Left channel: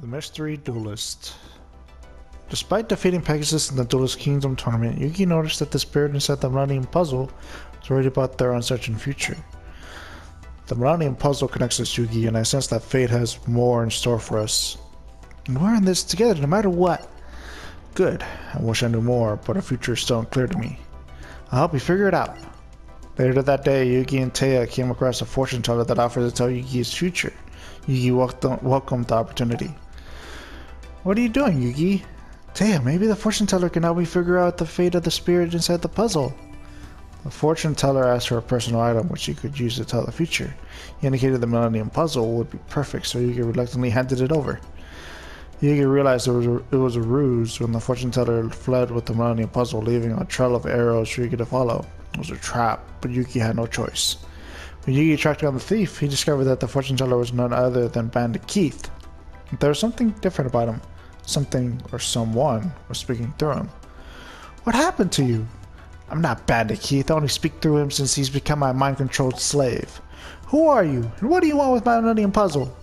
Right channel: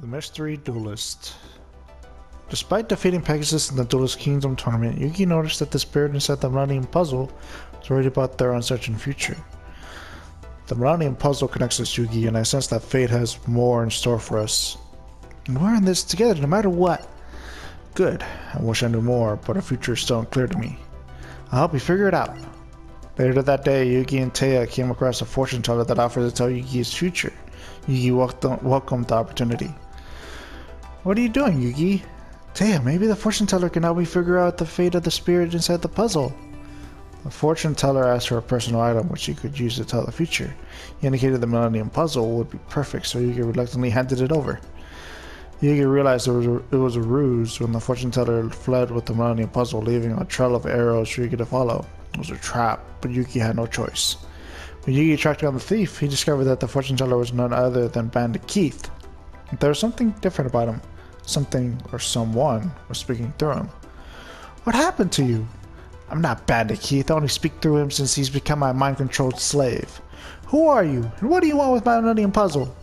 The Mystery Duelist. Despite defeating Pegasus in the Duelist Kingdom tournament, Yugi noticed that the spirit inside the Millennium Puzzle was worried about their uncertain future. The Millennium Puzzle connects us, Yugi, and I sense that fate has more in store for us. And we're in this together no matter what. Good. I wish I knew more, but our future is still unclear to me. I'll help you figure it out. Later that day, Yugi and Taya came across a fortune teller that offered to tell Yugi his future. Yugi welcomed the opportunity. What are you doing, Yugi? Taya, maybe the fortune teller can help me figure out the fate of the spirit inside the puzzle. The fortune teller asked for a personal item which he could use to tell the future. He indicated the Millennium Puzzle would be perfect, so Yugi reluctantly handed it over. Yugi realized it was a ruse when the fortune teller fled with the Millennium Puzzle, leaving a trail of arrows for Yugi to follow. It was a trap, but Yugi had no choice. When Yugi tracked down the thief, he discovered that the fortune teller was none other than Bandit Keith. There was something different about him. Something or someone was speaking through him. What happened to you? I'm not Bandit Keith. I only speak through him since he's become my mind-controlled slave. Who are you, and what do you want with my Millennium Puzzle?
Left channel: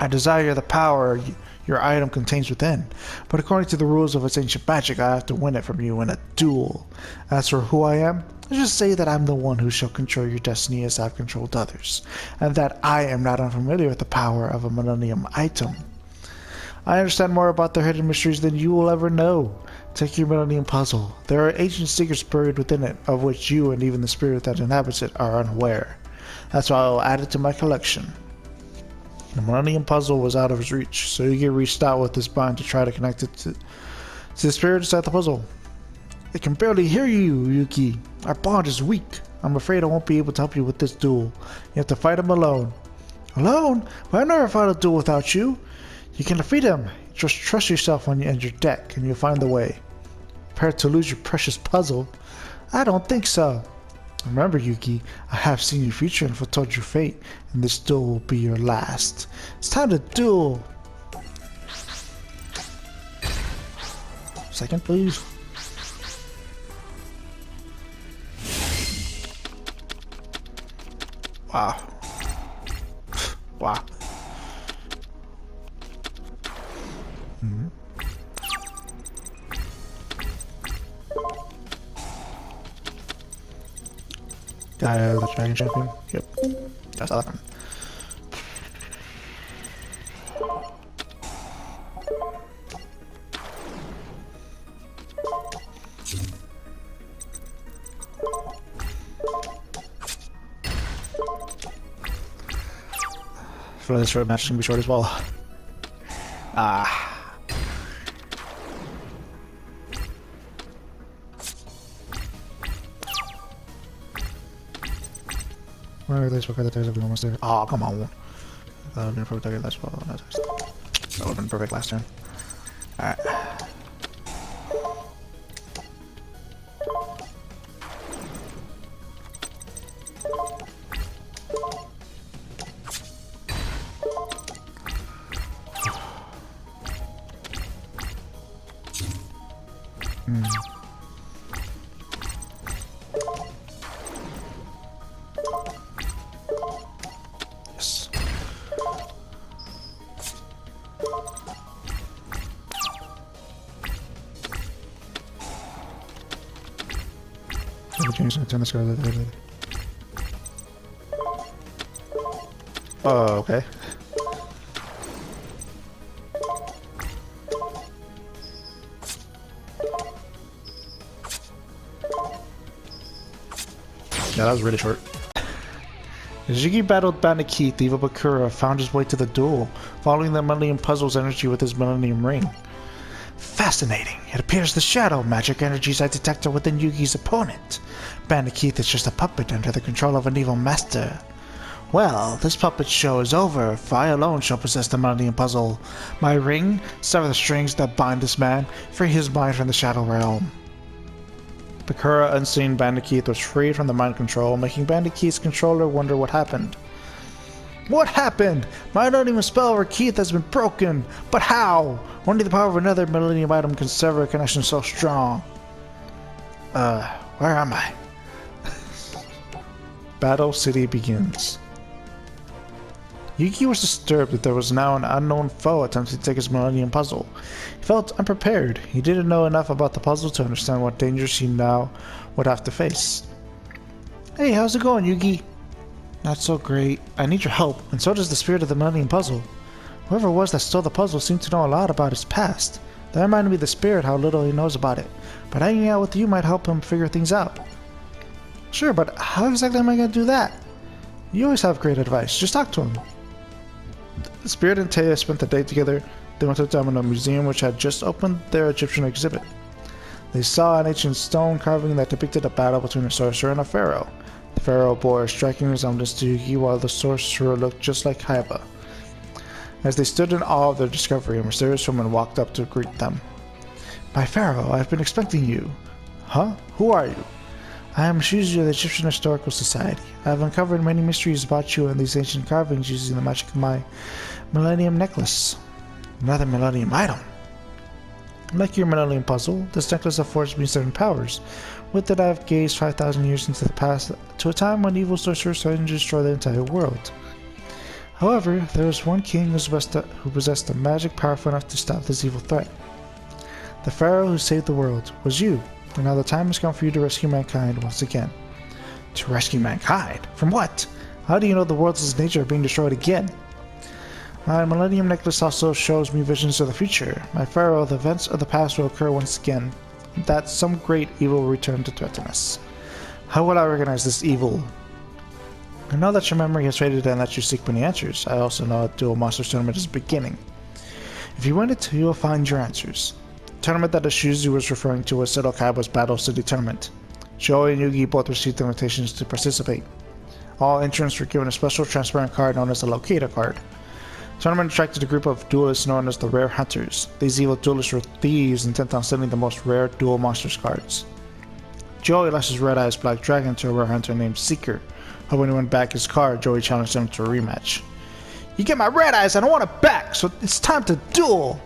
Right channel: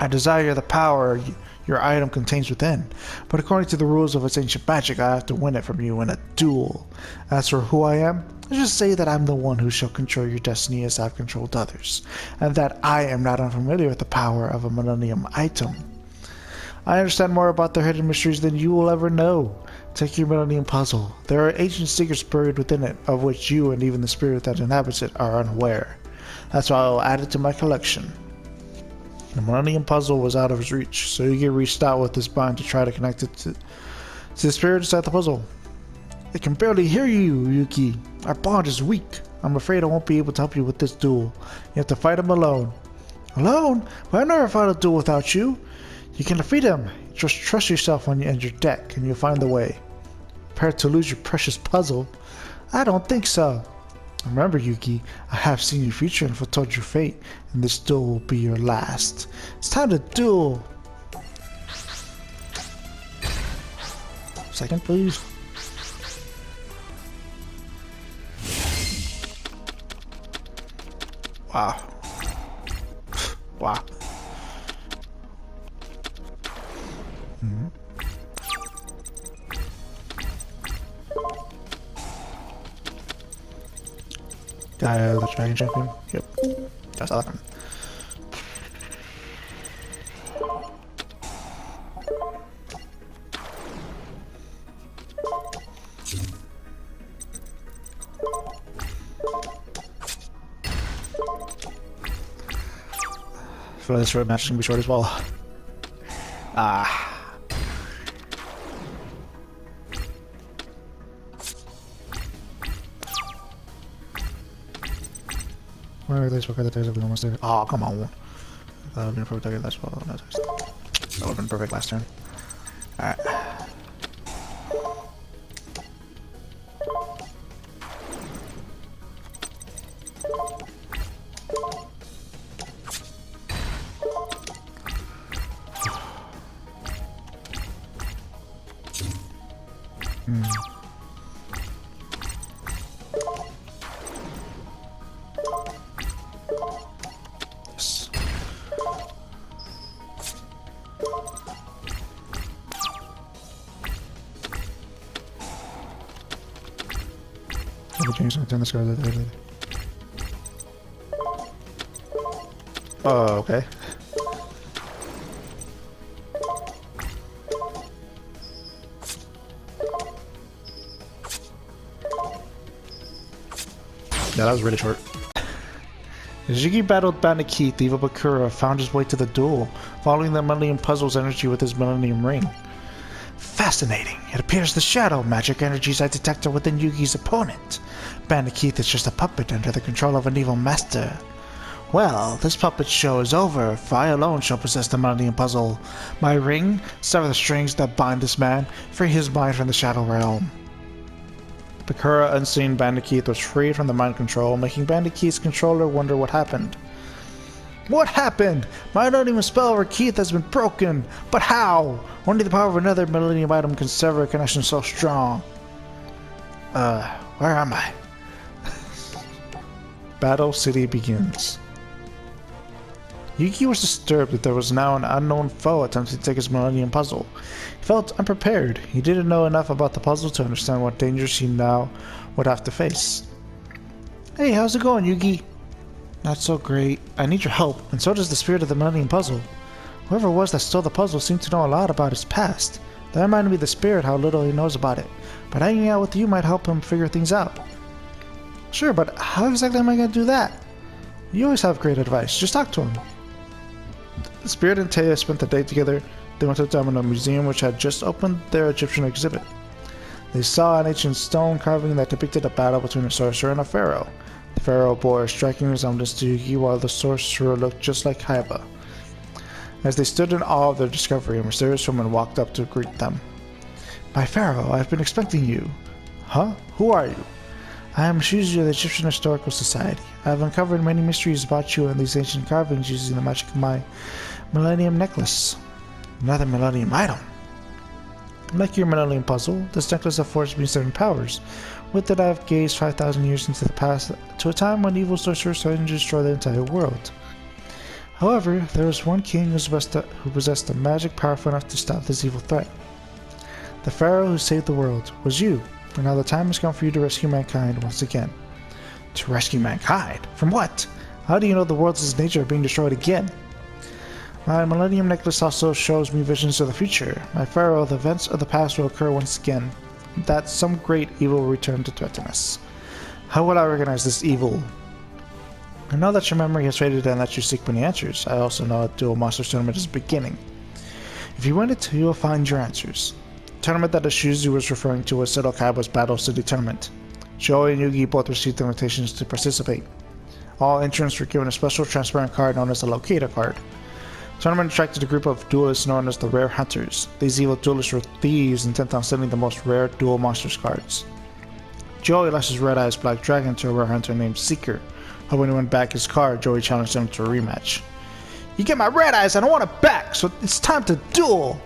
I desire the power your item contains within, but according to the rules of its ancient magic, I have to win it from you in a duel. As for who I am, let's just say that I'm the one who shall control your destiny as I've controlled others, and that I am not unfamiliar with the power of a Millennium item. I understand more about their hidden mysteries than you will ever know. Take your Millennium Puzzle. There are ancient secrets buried within it, of which you and even the spirit that inhabits it are unaware. That's why I will add it to my collection. The Millennium Puzzle was out of his reach, so Yugi reached out with his bind to try to connect it to the spirit inside the puzzle. I can barely hear you, Yugi. Our bond is weak. I'm afraid I won't be able to help you with this duel. You have to fight him alone. Alone? But I've never fought a duel without you. You can defeat him. Just trust yourself and your deck, and you'll find the way. Prepared to lose your precious puzzle? I don't think so. Remember, Yugi, I have seen your future and foretold your fate, and this duel will be your last. It's time to duel! Second, please. Wow. Wow. Mm-hmm. Checking. Yep. That's all. For this short match can be short as well. Oh, come on. Open perfect last turn. Alright. Oh, okay. Yeah, that was really short. As Yugi battled Bandit Keith, Evil Bakura found his way to the duel, following the Millennium Puzzle's energy with his Millennium Ring. Fascinating. It appears the shadow magic energies I detected within Yugi's opponent. Bandit Keith is just a puppet under the control of an evil master. Well, this puppet show is over, for I alone shall possess the Millennium Puzzle. My ring, sever the strings that bind this man, free his mind from the Shadow Realm. Bakura, unseen Bandit Keith, was freed from the mind control, making Bandit Keith's controller wonder what happened. What happened? My Millennium spell over Keith has been broken, but how? Only the power of another Millennium item can sever a connection so strong. Where am I? Battle City begins. Yugi was disturbed that there was now an unknown foe attempting to take his Millennium Puzzle. He felt unprepared. He didn't know enough about the puzzle to understand what dangers he now would have to face. Hey, how's it going, Yugi? Not so great. I need your help, and so does the spirit of the Millennium Puzzle. Whoever it was that stole the puzzle seemed to know a lot about his past. That reminded me of the spirit how little he knows about it. But hanging out with you might help him figure things out. Sure, but how exactly am I going to do that? You always have great advice. Just talk to him. The spirit and Taya spent the day together. They went to the Domino Museum, which had just opened their Egyptian exhibit. They saw an ancient stone carving that depicted a battle between a sorcerer and a pharaoh. The pharaoh bore a striking resemblance to Yugi, while the sorcerer looked just like Haiba. As they stood in awe of their discovery, a mysterious woman walked up to greet them. My pharaoh, I've been expecting you. Huh? Who are you? I am Shuzu of the Egyptian Historical Society. I have uncovered many mysteries about you and these ancient carvings using the magic of my Millennium Necklace. Another Millennium item. Like your Millennium Puzzle, this necklace affords me certain powers. With it I have gazed 5,000 years into the past, to a time when evil sorcerers threatened to destroy the entire world. However, there was one king who possessed a magic powerful enough to stop this evil threat. The pharaoh who saved the world was you, and now the time has come for you to rescue mankind once again. To rescue mankind? From what? How do you know the world's nature are being destroyed again? My Millennium Necklace also shows me visions of the future. My pharaoh, the events of the past will occur once again, that some great evil will return to threaten us. How will I recognize this evil? I know that your memory has faded and that you seek many answers. I also know a Duel Monsters tournament is beginning. If you win it, you will find your answers. The tournament that Shuzu was referring to was Seto Kaiba's Battle City Tournament. Joey and Yugi both received invitations to participate. All entrants were given a special transparent card known as the Locator card. The tournament attracted a group of duelists known as the Rare Hunters. These evil duelists were thieves intent on stealing the most rare Duel Monsters cards. Joey lost his Red Eyes Black Dragon to a rare hunter named Seeker. When he went back his card, Joey challenged him to a rematch. You get my Red Eyes and I want it back, so it's time to duel!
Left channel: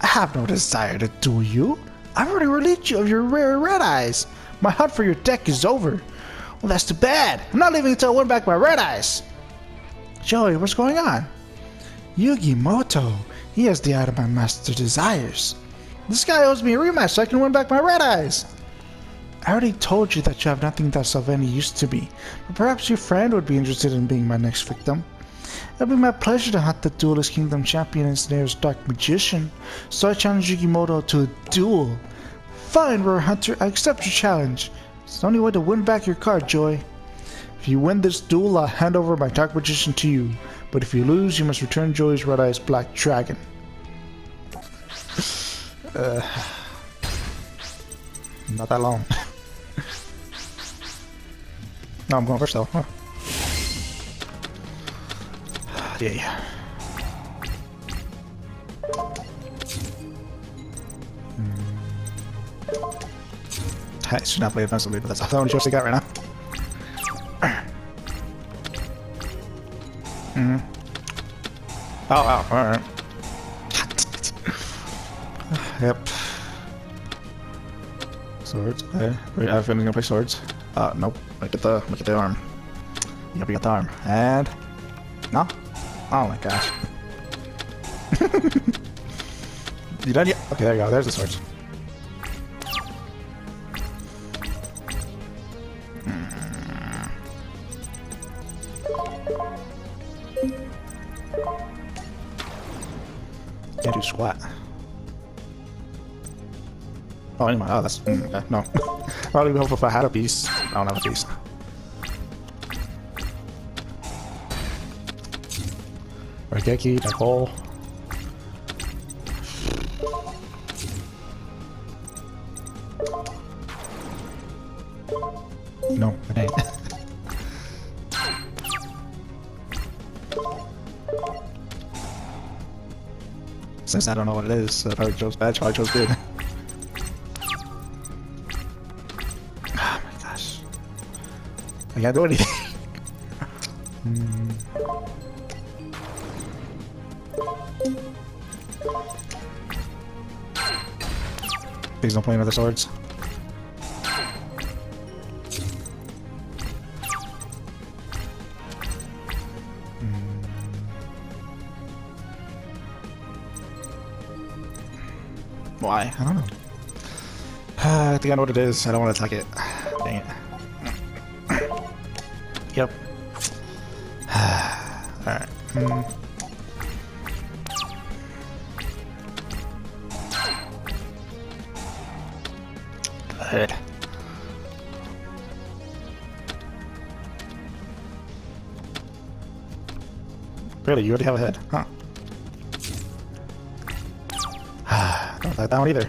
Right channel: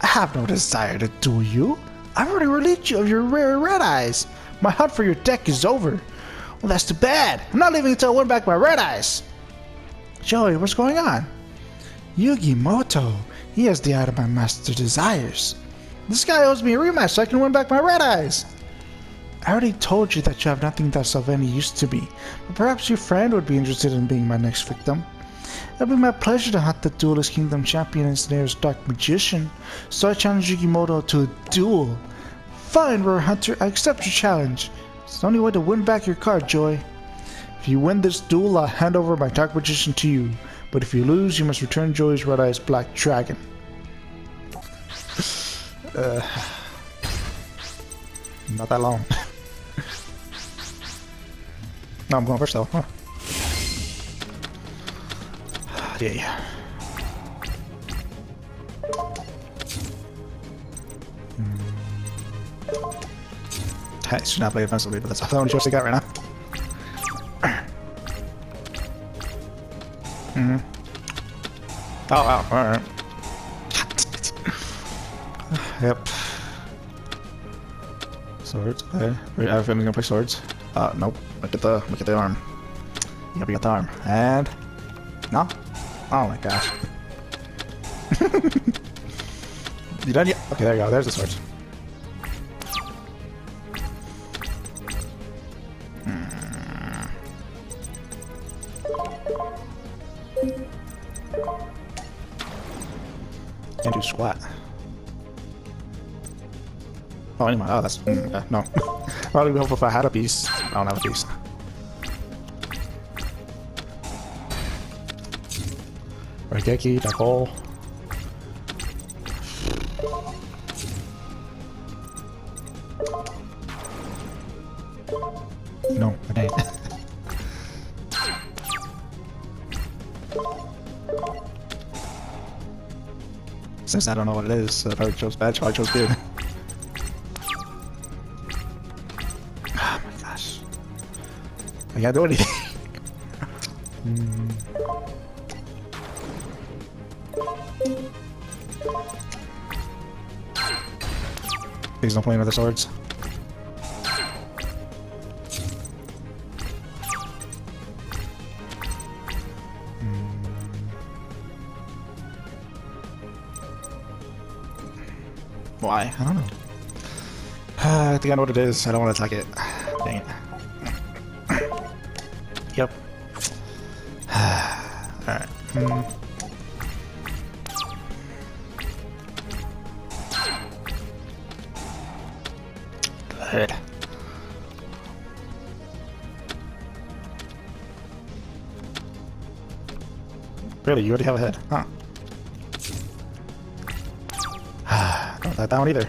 I have no desire to duel you. I've already relieved you of your rare Red Eyes. My hunt for your deck is over. Well, that's too bad. I'm not leaving until I win back my Red Eyes. Joey, what's going on? Yugi Moto. He has the item my master desires. This guy owes me a rematch so I can win back my Red Eyes. I already told you that you have nothing that's of any use to me, but perhaps your friend would be interested in being my next victim. It would be my pleasure to hunt the Duelist Kingdom champion and Snare's Dark Magician, so I challenge Yugimoto to a duel. Fine, Rare Hunter, I accept your challenge. It's the only way to win back your card, Joy. If you win this duel, I'll hand over my Dark Magician to you, but if you lose, you must return Joy's Red Eyes Black Dragon. Not that long. No, I'm going first though. Huh. Yeah. That should not be offensive, but that's the only choice I got right now. Oh wow, alright. Yep. Swords. Okay. I'm gonna go by swords. Nope. Look at the arm. Yep, you got the arm. And no. Oh my gosh. You done yet? Okay, there you go. There's the swords. Can't do squat. Oh, anyway, oh, that's no. I don't know if I had a piece. I don't have a piece. Alright, Yankee, that hole. No, I didn't. Since I don't know what it is, so I chose bad, so I chose good. Oh my gosh. I can't do anything. Please don't play another swords. Why? I don't know. I think I know what it is. I don't want to attack it. Dang it. Yep. Alright. Head. Really? You already have a head? Huh. Don't have that one either.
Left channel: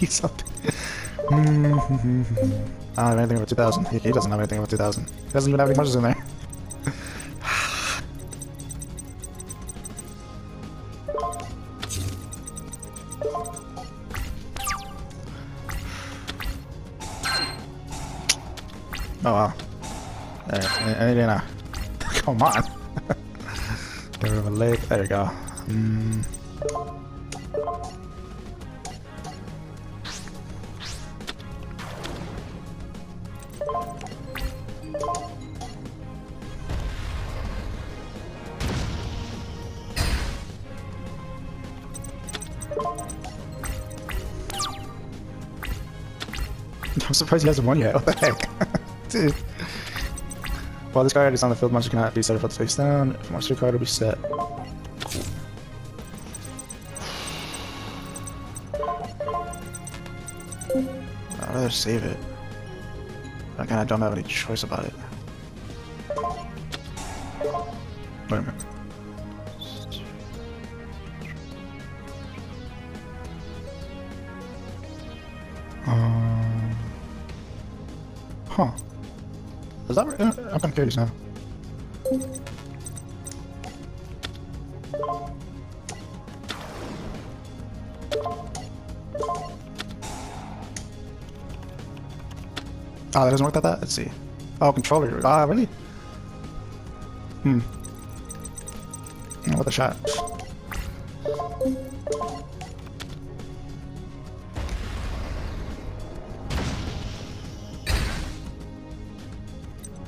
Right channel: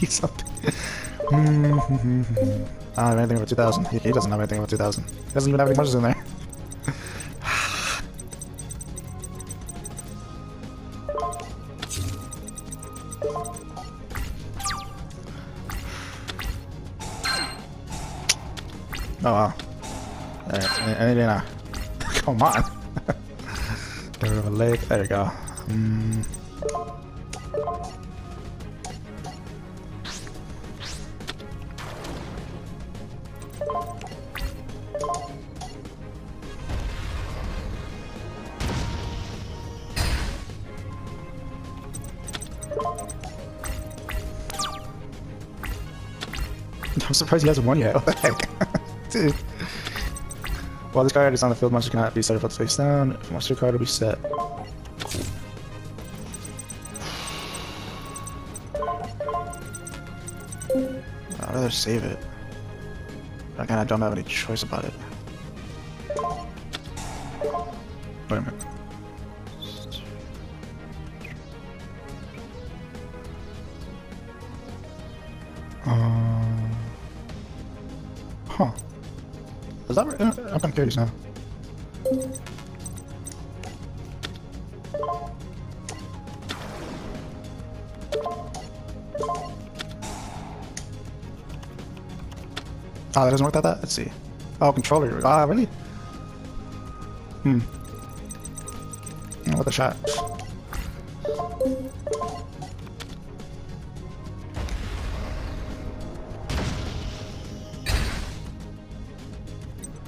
Need something. I don't have anything with 2000. He doesn't have anything with 2000. He doesn't even have any measures in there. Oh wow. I didn't come on. There we go. There you go. I'm surprised he hasn't won yet. Dude. While this card is on the field, monster cannot be set up face down. If monster card will be set. I'd rather save it. I kind of don't have any choice about it. Wait a minute. Huh. Is that right? I'm kind of curious now. Oh, it doesn't work like that? Let's see. Oh, controller. Ah, really? What a shot.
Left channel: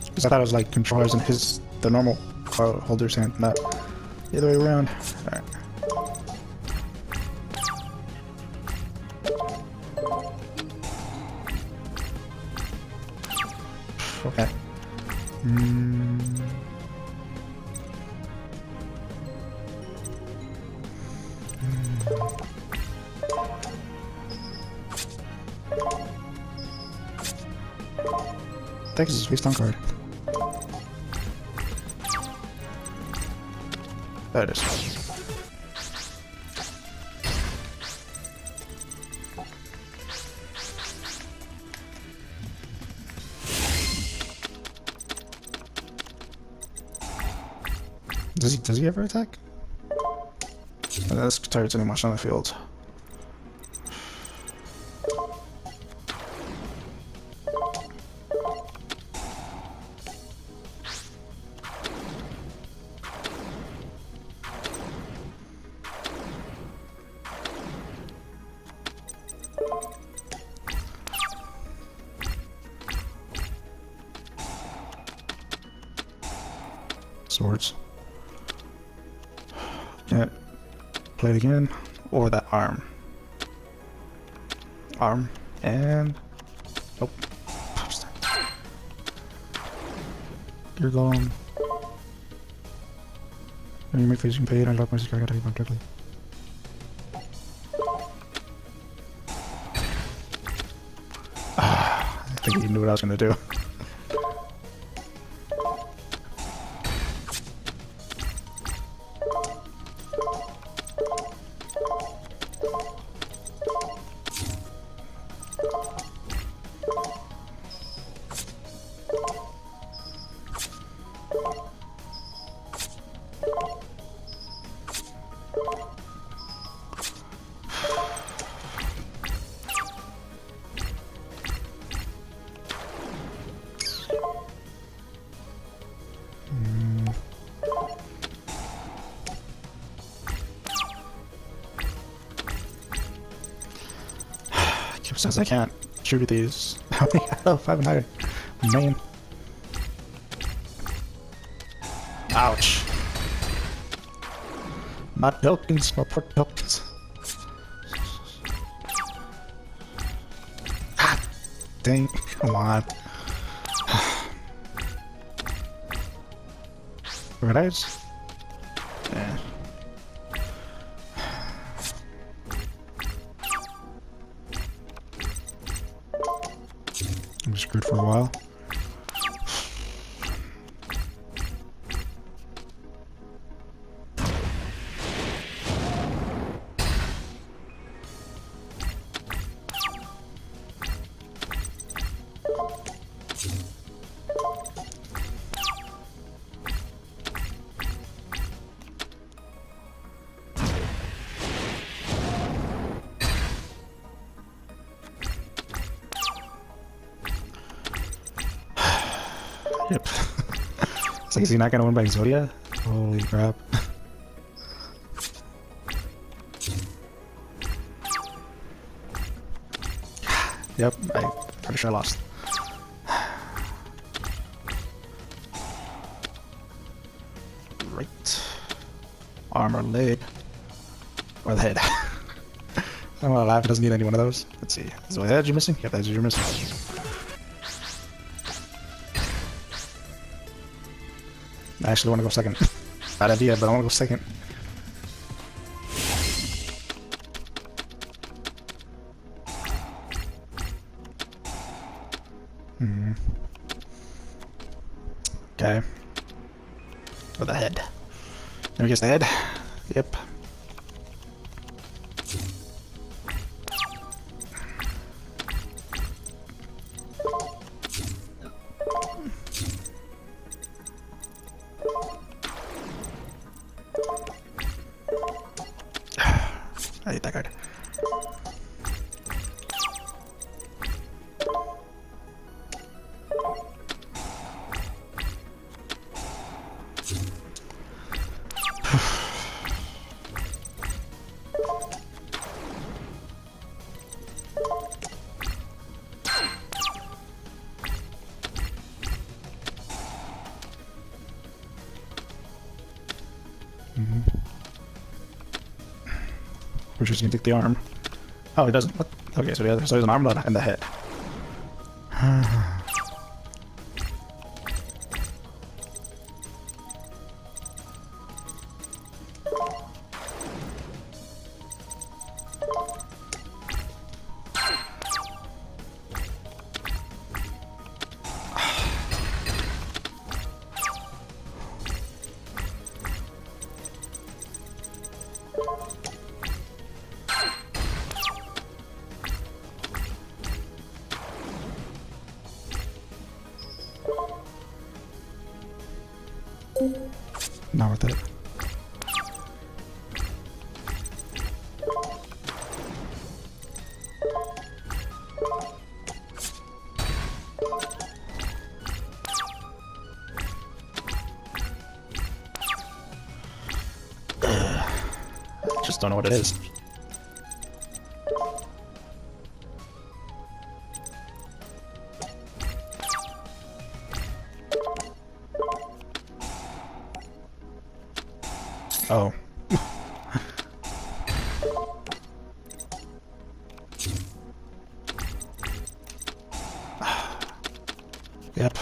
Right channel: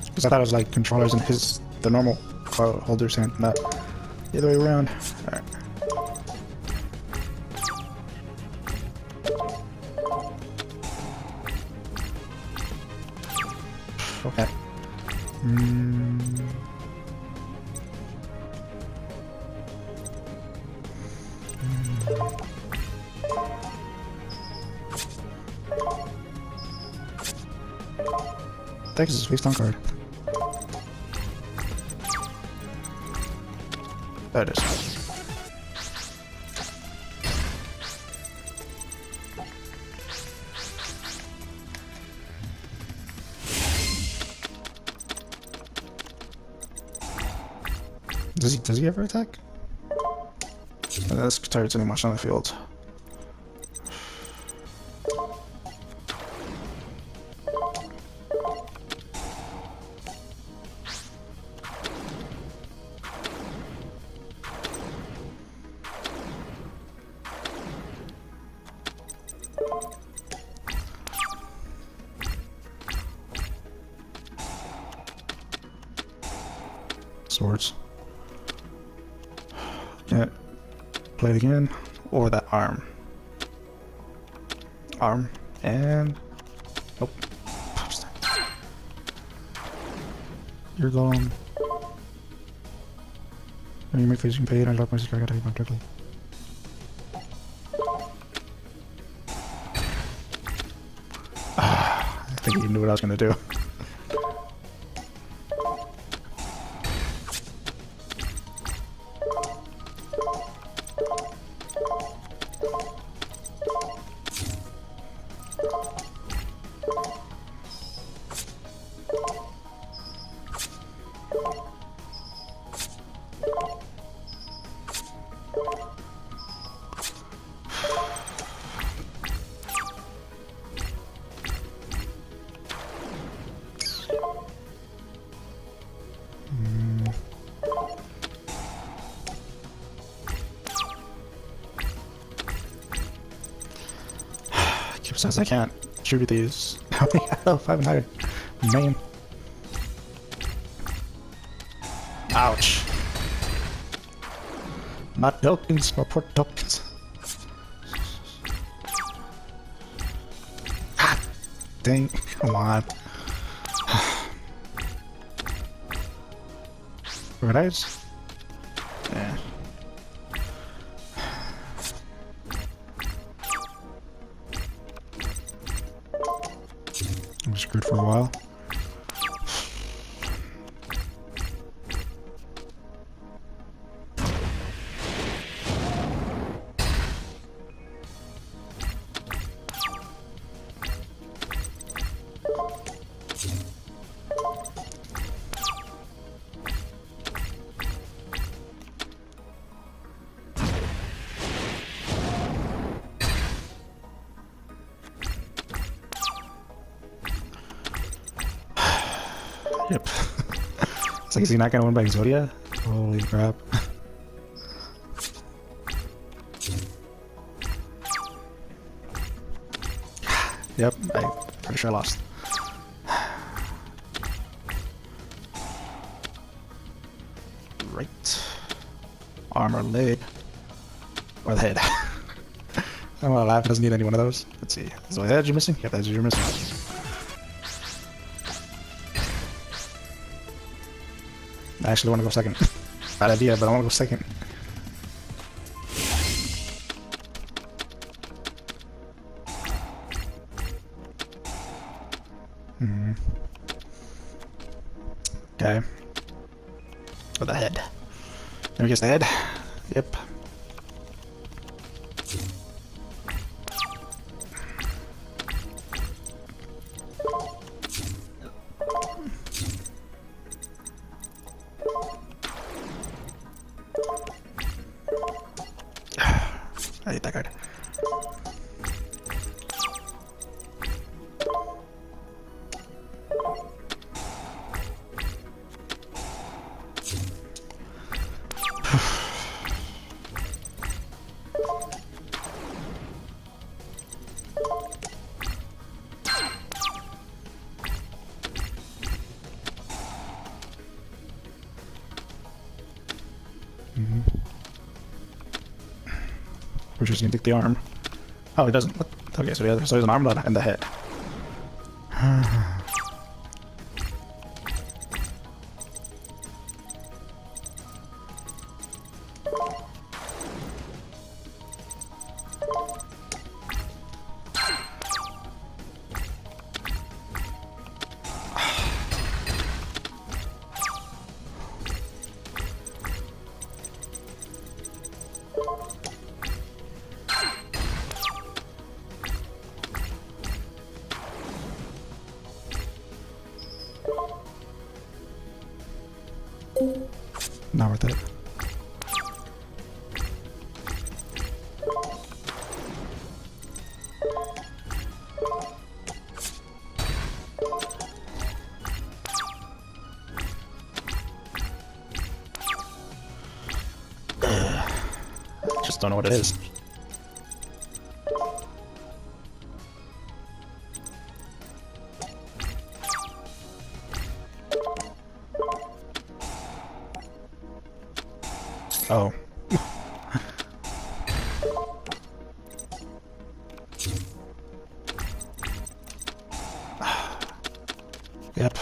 Because I thought it was like controllers in the normal card holder's hand, not the other way around. Alright. Okay. Pegasus face card. There it is. Does he ever attack? That's tired too much on the field. Swords. Right. Play it again. Or that arm. Arm. And... oh. You're gone. And you may facing player and lock my secret attack correctly. I think you knew what I was gonna do. Says I can't shoot these. 5-9. Man. Ouch. My Pilkins, my poor Pilkins. Dang, come on. Paradise? Yeah. I'm screwed for a while. Yep. It's like, is he not gonna win by Exodia? Holy crap. Yep, I'm pretty sure I lost. Right. Armor, leg. Or the head. Well, Map doesn't need any one of those. Let's see. So the head you're missing? Yep, the head you're missing. I actually want to go second. Bad idea, but I want to go second. Okay. The head. Can we guess the head? Yep. I hate that card. We're just gonna take the arm. Oh, he doesn't. What? Okay, so he has an arm and the head. Not worth it. Just don't know what it is. Oh. Yep.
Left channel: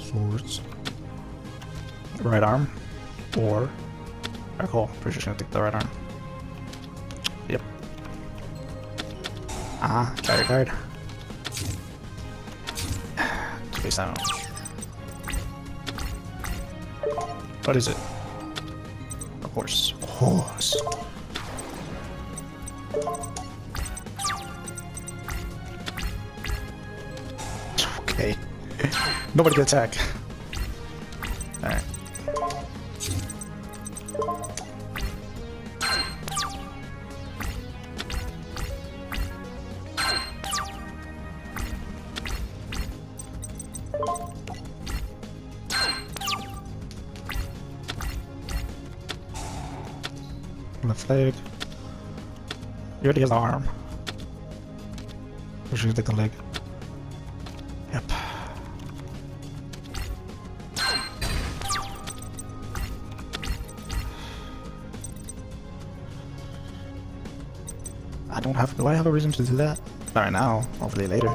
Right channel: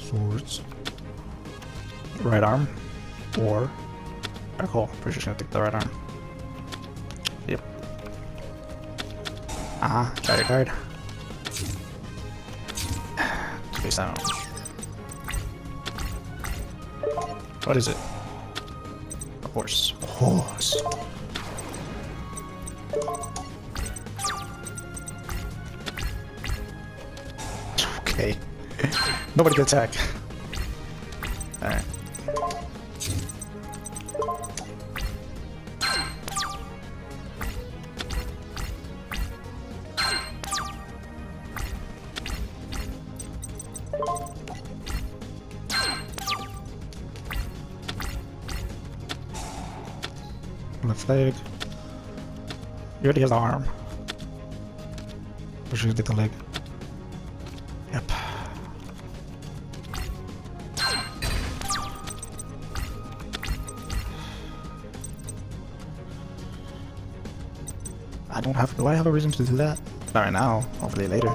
Foods. Right arm. Or cool. Pretty sure I take the right arm. Yep. Card. Space out. What is it? A horse. Horse. Okay. Nobody can attack. Alright. Left leg. He already has an arm. We should take the leg. Yep. Do I have a reason to do that? Not right now, hopefully later.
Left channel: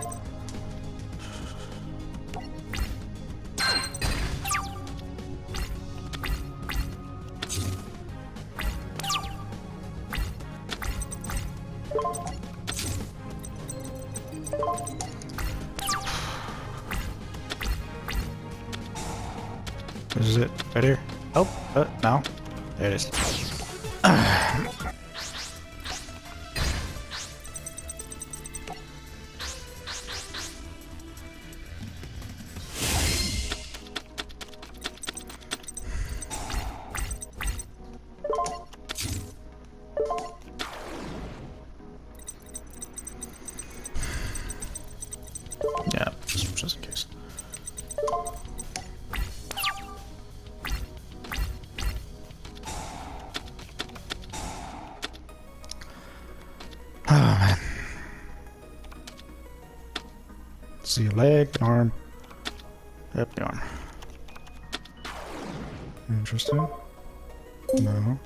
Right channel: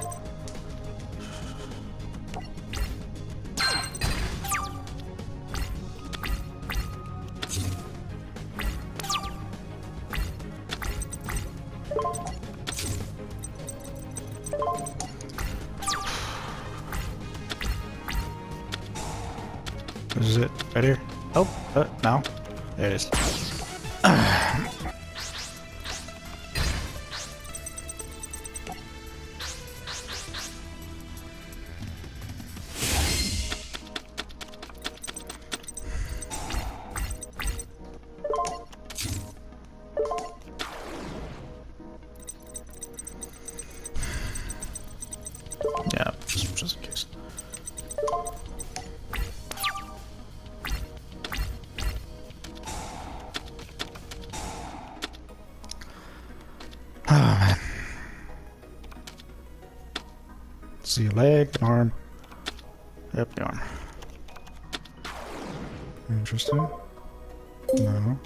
Is it right here? Oh, no. There it is. Yeah, just in case. Oh man. See your leg, arm. Yep, the arm. Interesting. No.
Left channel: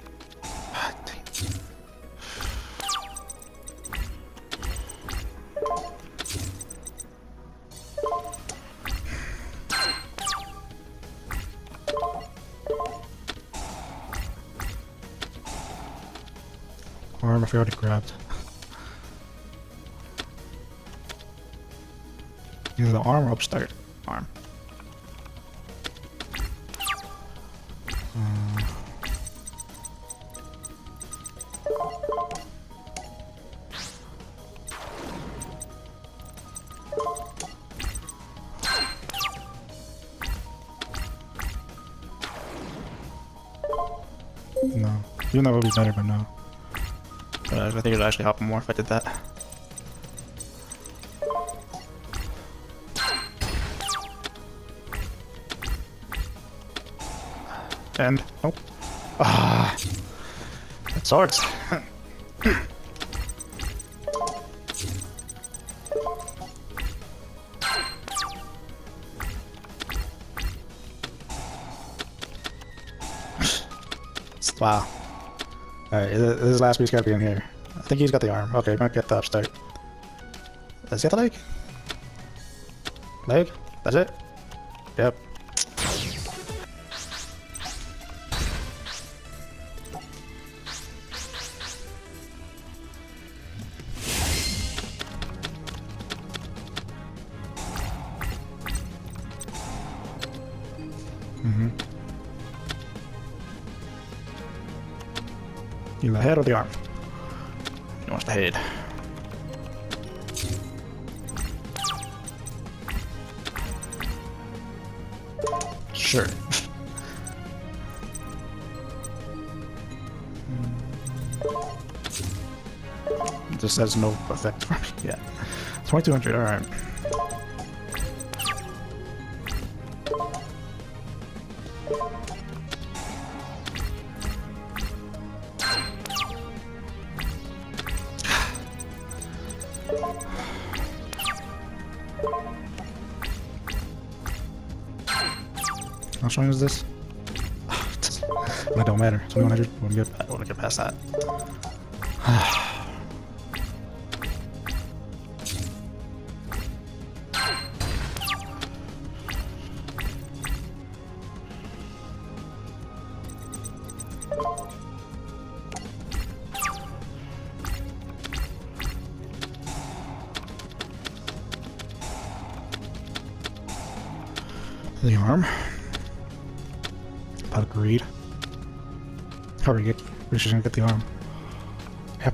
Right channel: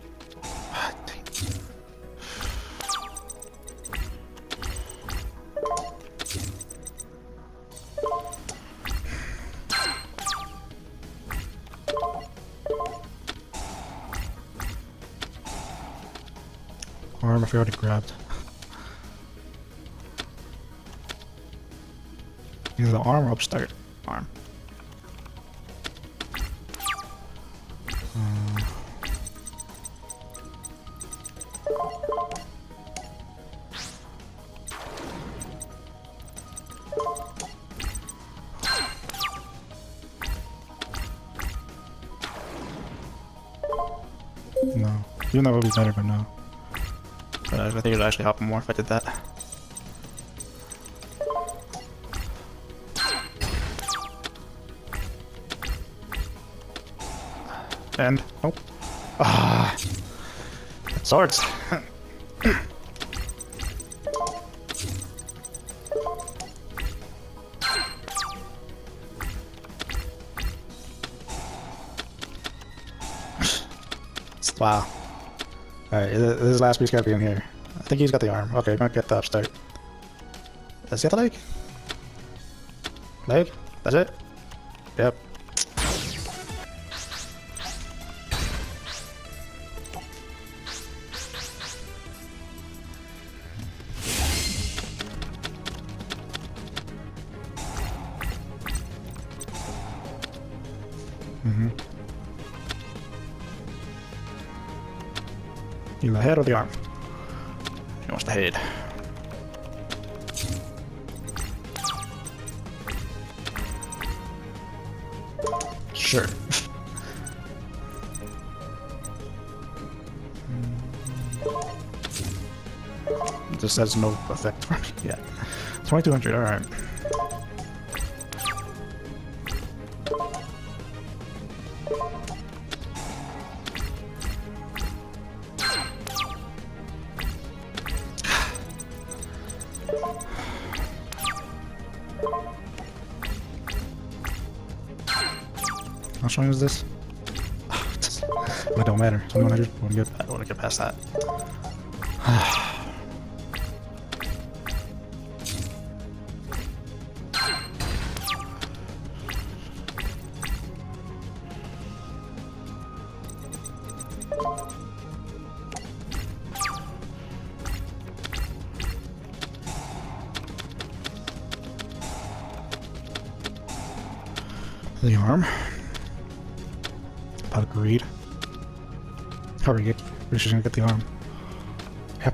Oh, dang it. Arm if I already grabbed. Either the arm or upstart. Arm. No. Even though it would be better for now. I think it would actually help more if I did that. And oh, it sorts. Wow. Alright, his last piece gonna be in here. I think he's got the arm. Okay, not get the upstart. Is that the leg? Leg? That's it? Yep. You the head or the arm? He wants the head. Sure. This has no effect. Yeah. 2200, alright. How strong is this? It don't matter. 2100. I'm good. I don't want to get past that. Your arm. Agreed. Hurry, we're just gonna get the arm. Yep.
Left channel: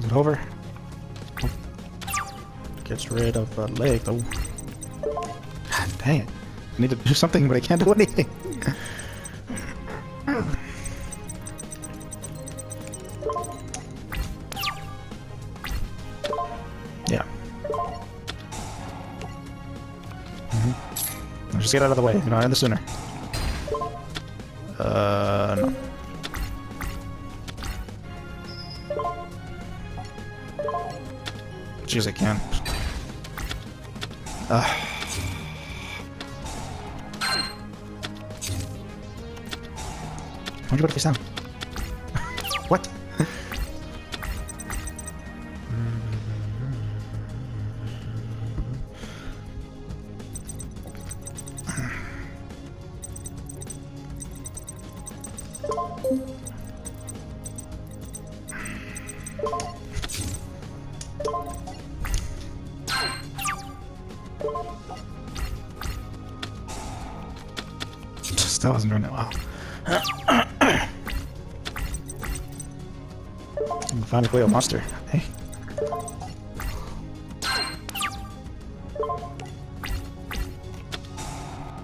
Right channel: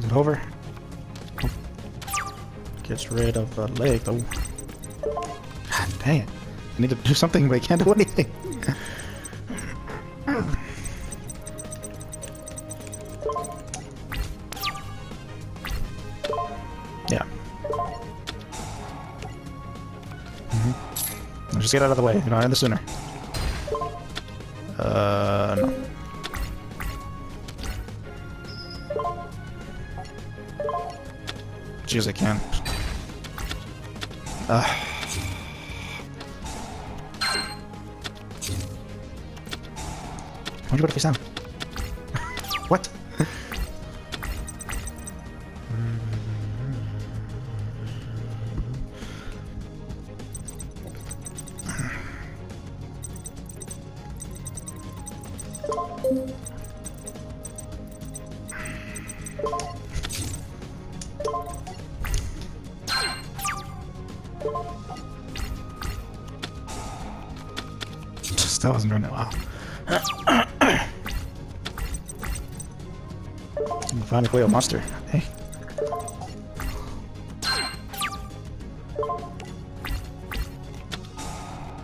Get over. Gets rid of the leg though. God dang it. I need to do something, but I can't do anything. Yeah. Just get out of the way. You know, I understand. No. Jeez, I can. Why'd you go to face down? What? That wasn't running well. Find a real monster. Hey.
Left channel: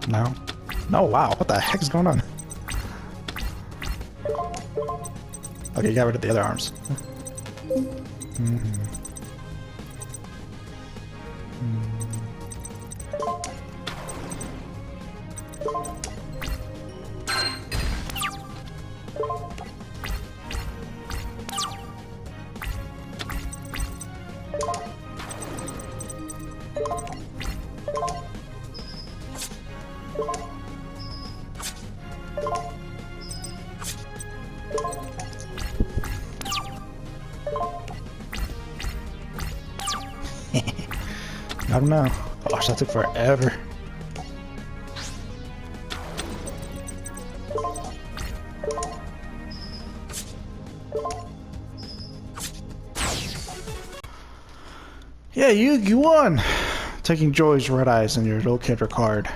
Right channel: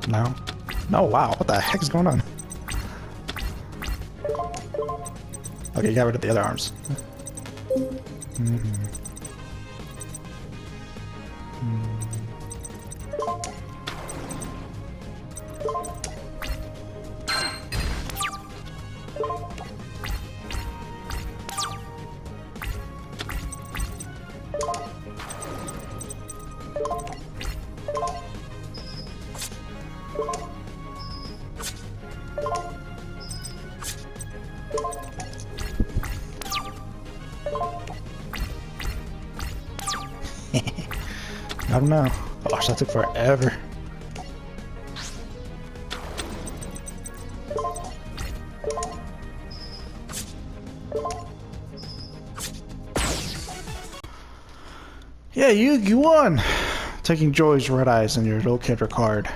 No. No, wow. What the heck is going on? Okay, you got rid of the other arms. I don't know. Gosh, that took forever. Yeah, you won! Taking Joy's red eyes and your locator card.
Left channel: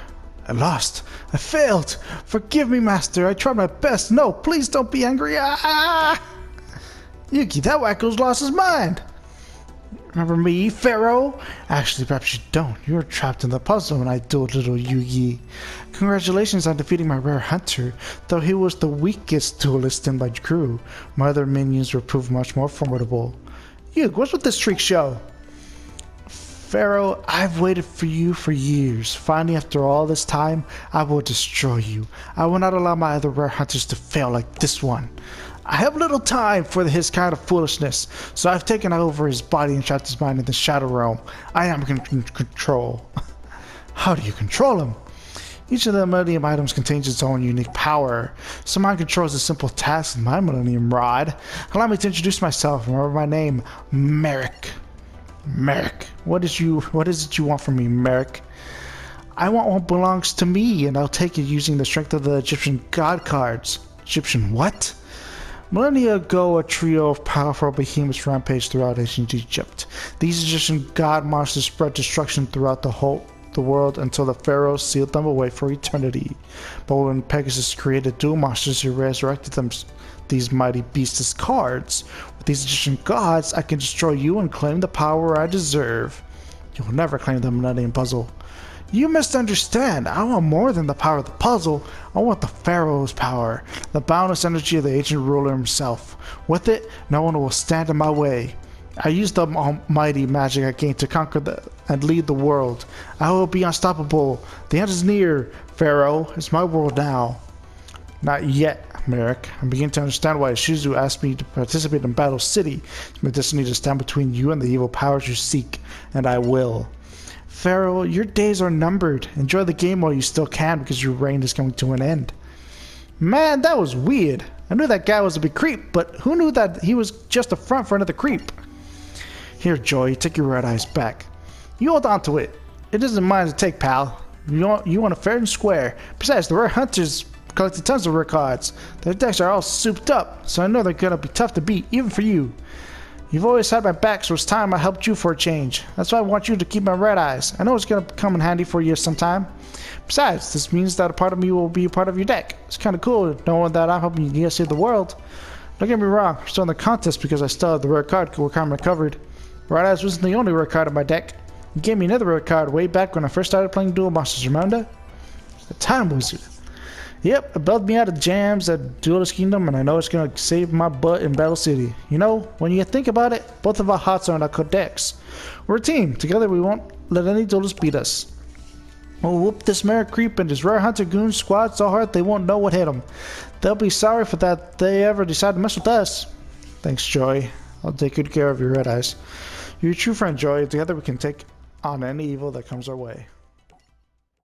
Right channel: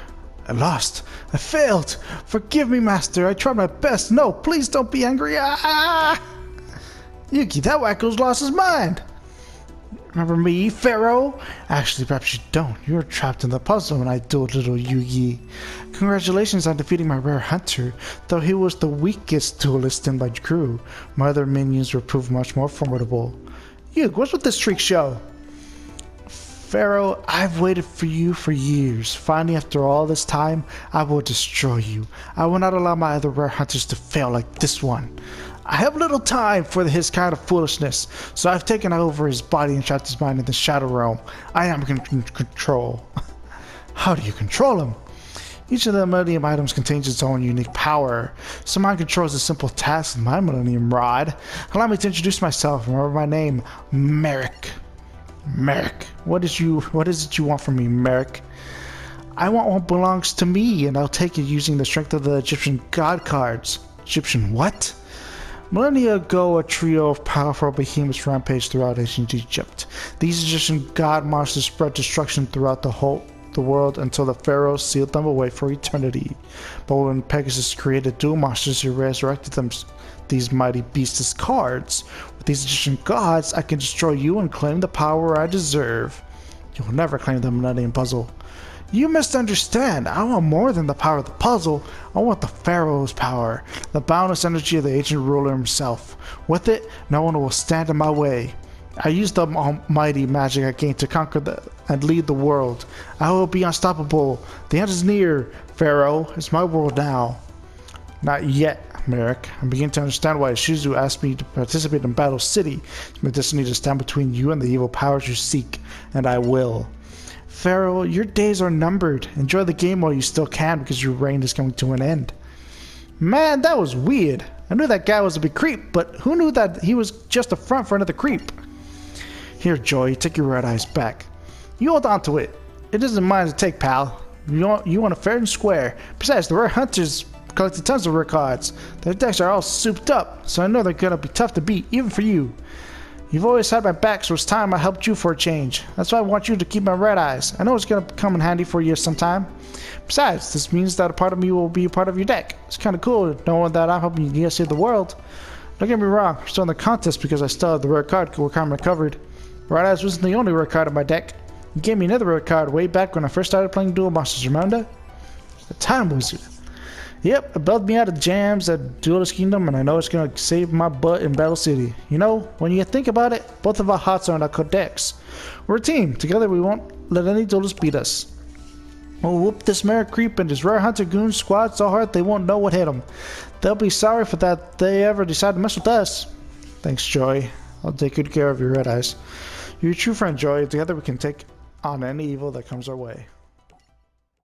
I lost. I failed. Forgive me, Master. I tried my best. No, please don't be angry. Ah! Yugi, that wacko's lost his mind. Remember me, Pharaoh? Actually, perhaps you don't. You were trapped in the puzzle when I dueled little Yugi. Congratulations on defeating my rare hunter. Though he was the weakest duelist in my crew, my other minions were proved much more formidable. Yugi, what's with this freak show? Pharaoh, I've waited for you for years. Finally, after all this time, I will destroy you. I will not allow my other rare hunters to fail like this one. I have little time for his kind of foolishness, so I've taken over his body and trapped his mind in the Shadow Realm. I am in control. How do you control him? Each of the Millennium items contains its own unique power. So mine controls a simple task with my Millennium Rod. Allow me to introduce myself. Remember my name, Merrick. Merrick, what is it you want from me, Merrick? I want what belongs to me, and I'll take it using the strength of the Egyptian god cards. Egyptian what? Millennia ago, a trio of powerful behemoths rampaged throughout ancient Egypt. These Egyptian god monsters spread destruction throughout the world until the pharaohs sealed them away for eternity. But when Pegasus created dual monsters, he resurrected these mighty beasts as cards. With these Egyptian gods, I can destroy you and claim the power I deserve. You will never claim the Millennium Puzzle. You misunderstand. I want more than the power of the puzzle. I want the Pharaoh's power, the boundless energy of the ancient ruler himself. With it, no one will stand in my way. I use the almighty magic I gained to conquer and lead the world. I will be unstoppable. The end is near, Pharaoh. It's my world now. Not yet, Merrick. I'm beginning to understand why Shizu asked me to participate in Battle City. It's my destiny to stand between you and the evil powers you seek, and I will. Pharaoh, your days are numbered. Enjoy the game while you still can, because your reign is coming to an end. Man, that was weird. I knew that guy was a big creep, but who knew that he was just a front for another creep? Here, Joy, take your red eyes back. You hold on to it. It isn't mine to take, pal. You want it fair and square. Besides, the rare hunters collected tons of rare cards. Their decks are all souped up, so I know they're gonna be tough to beat, even for you. You've always had my back, so it's time I helped you for a change. That's why I want you to keep my red eyes. I know it's gonna come in handy for you sometime. Besides, this means that a part of me will be a part of your deck. It's kinda cool knowing that I'm helping you save the world. Don't get me wrong, I'm still in the contest because I still have the rare card requirement covered. Red eyes wasn't the only rare card in my deck. You gave me another rare card way back when I first started playing Duel Monsters, remember? The Time Wizard. Yep, it bailed me out of jams at Duelist Kingdom, and I know it's gonna save my butt in Battle City. You know, when you think about it, both of our hearts are in our codex. We're a team. Together we won't let any duelist beat us. We'll whoop this Merrick creep and his rare hunter goon squad so hard they won't know what hit them. They'll be sorry for that if they ever decide to mess with us. Thanks, Joy. I'll take good care of your red eyes. You're a true friend, Joy. Together we can take on any evil that comes our way.